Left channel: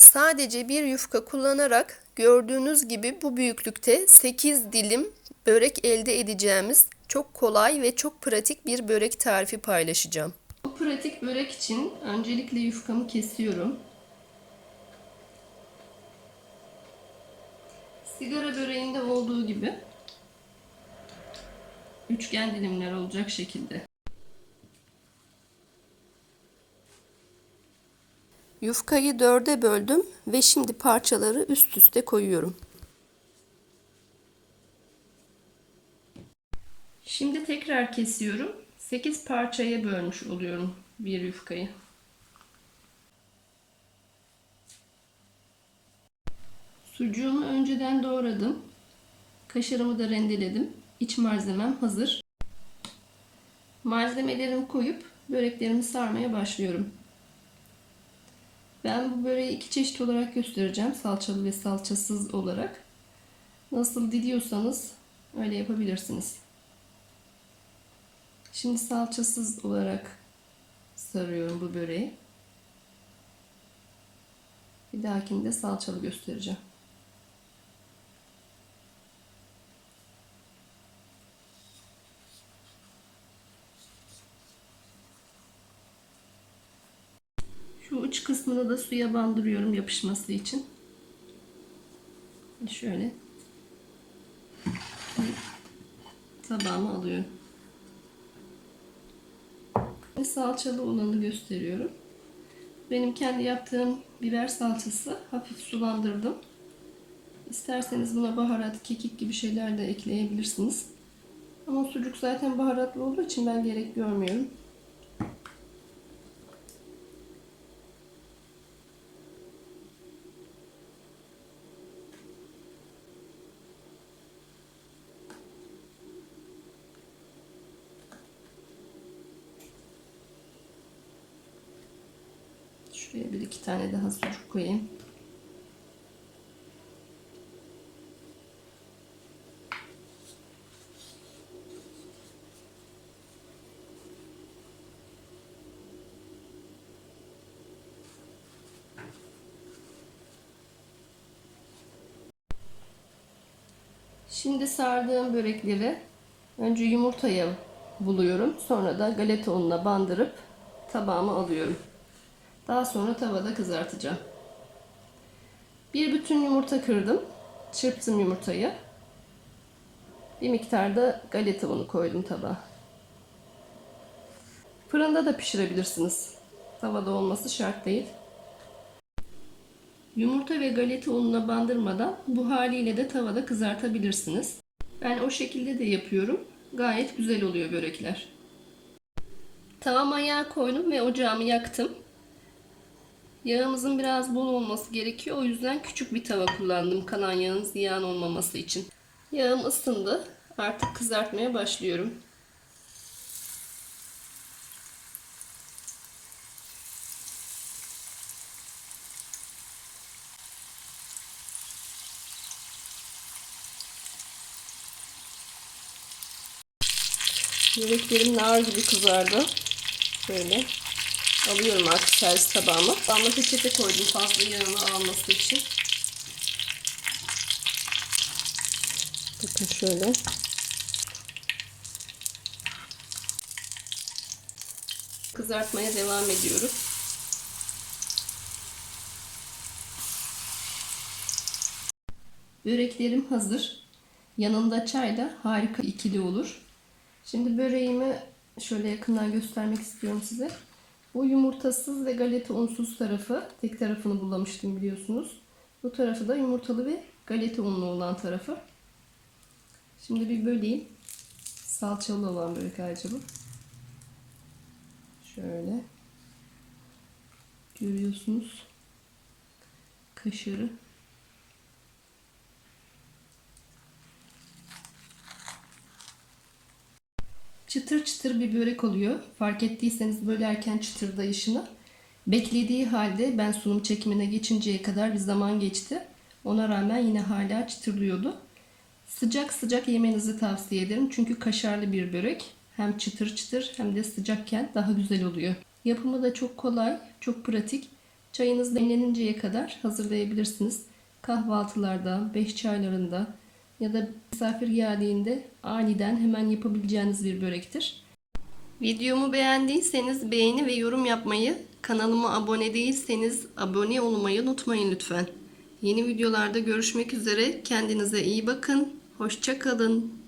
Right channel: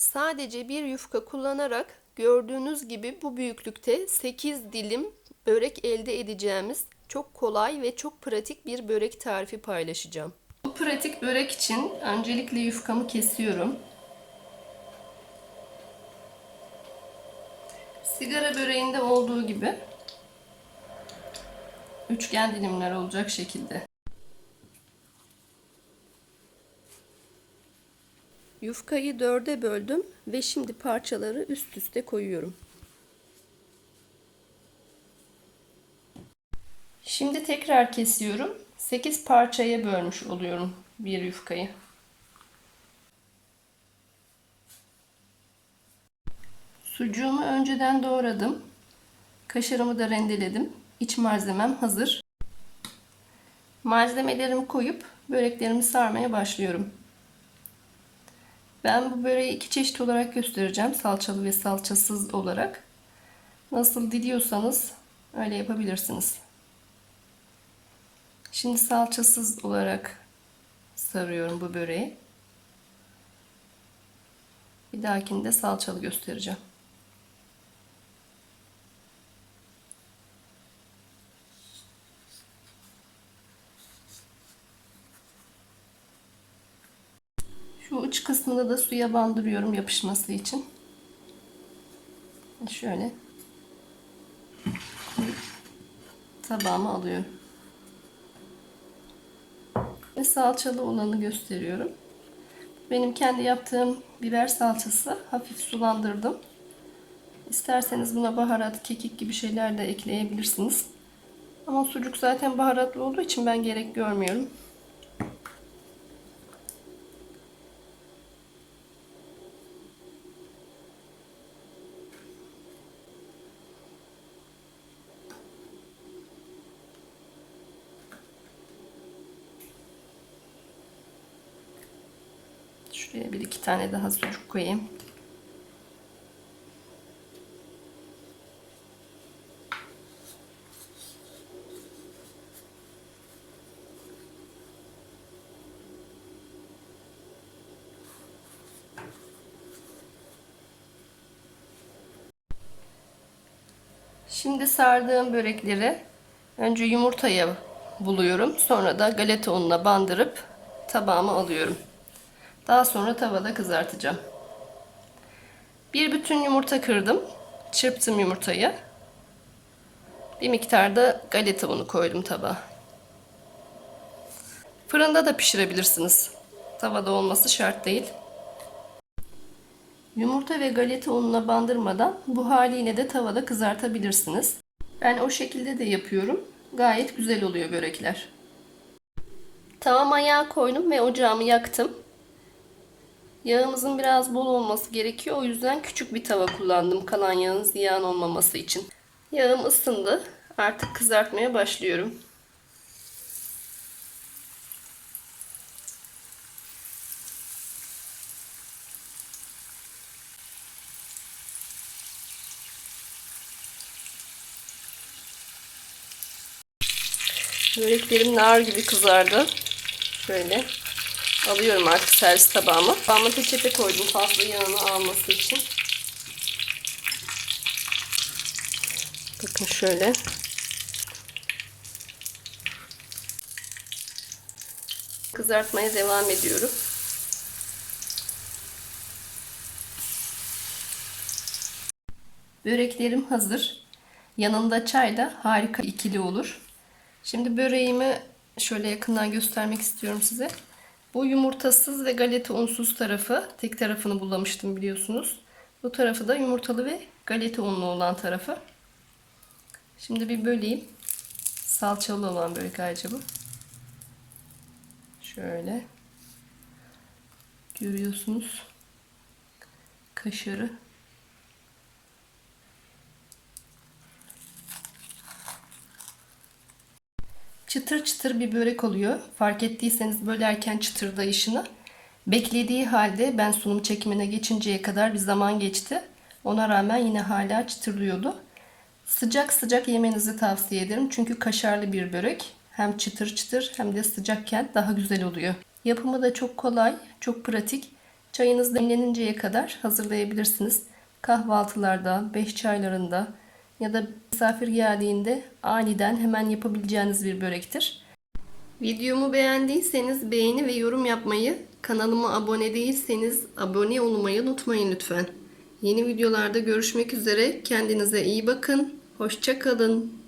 Sadece bir yufka kullanarak gördüğünüz gibi bu büyüklükte 8 dilim börek elde edeceğimiz çok kolay ve çok pratik bir börek tarifi paylaşacağım. Bu pratik börek için öncelikle yufkamı kesiyorum. Sigara böreğinde olduğu gibi üçgen dilimler olacak şekilde. Yufkayı dörde böldüm ve şimdi parçaları üst üste koyuyorum. Şimdi tekrar kesiyorum. 8 parçaya bölmüş oluyorum bir yufkayı. Sucuğumu önceden doğradım. Kaşarımı da rendeledim. İç malzemem hazır. Malzemelerimi koyup böreklerimi sarmaya başlıyorum. Ben bu böreği iki çeşit olarak göstereceğim. Salçalı ve salçasız olarak. Nasıl diliyorsanız öyle yapabilirsiniz. Şimdi salçasız olarak sarıyorum bu böreği. Bir dahakinde salçalı göstereceğim. Uç kısmını da suya bandırıyorum yapışması için. Şöyle tabağıma alıyorum. Ve salçalı olanı gösteriyorum. Benim kendi yaptığım biber salçası. Hafif sulandırdım. İsterseniz buna baharat, kekik gibi şeyler de ekleyebilirsiniz. Ama sucuk zaten baharatlı olduğu için ben gerek görmüyorum. Şuraya bir iki tane daha sucuk koyayım. Şimdi sardığım börekleri önce yumurtaya buluyorum. Sonra da galeta ununa bandırıp tabağıma alıyorum. Daha sonra tavada kızartacağım. Bir bütün yumurta kırdım. Çırptım yumurtayı. Bir miktar da galeta unu koydum tabağa. Fırında da pişirebilirsiniz. Tavada olması şart değil. Yumurta ve galeta ununa bandırmadan bu haliyle de tavada kızartabilirsiniz. Ben o şekilde de yapıyorum. Gayet güzel oluyor börekler. Tavam ayağa koydum ve ocağımı yaktım. Yağımızın biraz bol olması gerekiyor. O yüzden küçük bir tava kullandım kalan yağın ziyan olmaması için. Yağım ısındı. Artık kızartmaya başlıyorum. Böreklerim nar gibi kızardı. Şöyle alıyorum artık servis tabağıma. Tabağıma peçete koydum fazla yağını alması için. Bakın şöyle. Kızartmaya devam ediyorum. Böreklerim hazır. Yanında çay da harika ikili olur. Şimdi böreğimi şöyle yakından göstermek istiyorum size. Bu yumurtasız ve galeta unsuz tarafı. Tek tarafını bulamıştım biliyorsunuz. Bu tarafı da yumurtalı ve galeta unlu olan tarafı. Şimdi bir böleyim. Salçalı olan börek ayrıca bu. Şöyle. Görüyorsunuz. Kaşarı. Çıtır çıtır bir börek oluyor. Fark ettiyseniz bölerken çıtırdayışını. Beklediği halde ben sunum çekimine geçinceye kadar bir zaman geçti. Ona rağmen yine hala çıtırlıyordu. Sıcak sıcak yemenizi tavsiye ederim. Çünkü kaşarlı bir börek. Hem çıtır çıtır hem de sıcakken daha güzel oluyor. Yapımı da çok kolay, çok pratik. Çayınız demleninceye kadar hazırlayabilirsiniz. Kahvaltılarda, beş çaylarında ya da misafir geldiğinde aniden hemen yapabileceğiniz bir börektir. Videomu beğendiyseniz beğeni ve yorum yapmayı, kanalıma abone değilseniz abone olmayı unutmayın lütfen. Yeni videolarda görüşmek üzere. Kendinize iyi bakın. Hoşça kalın.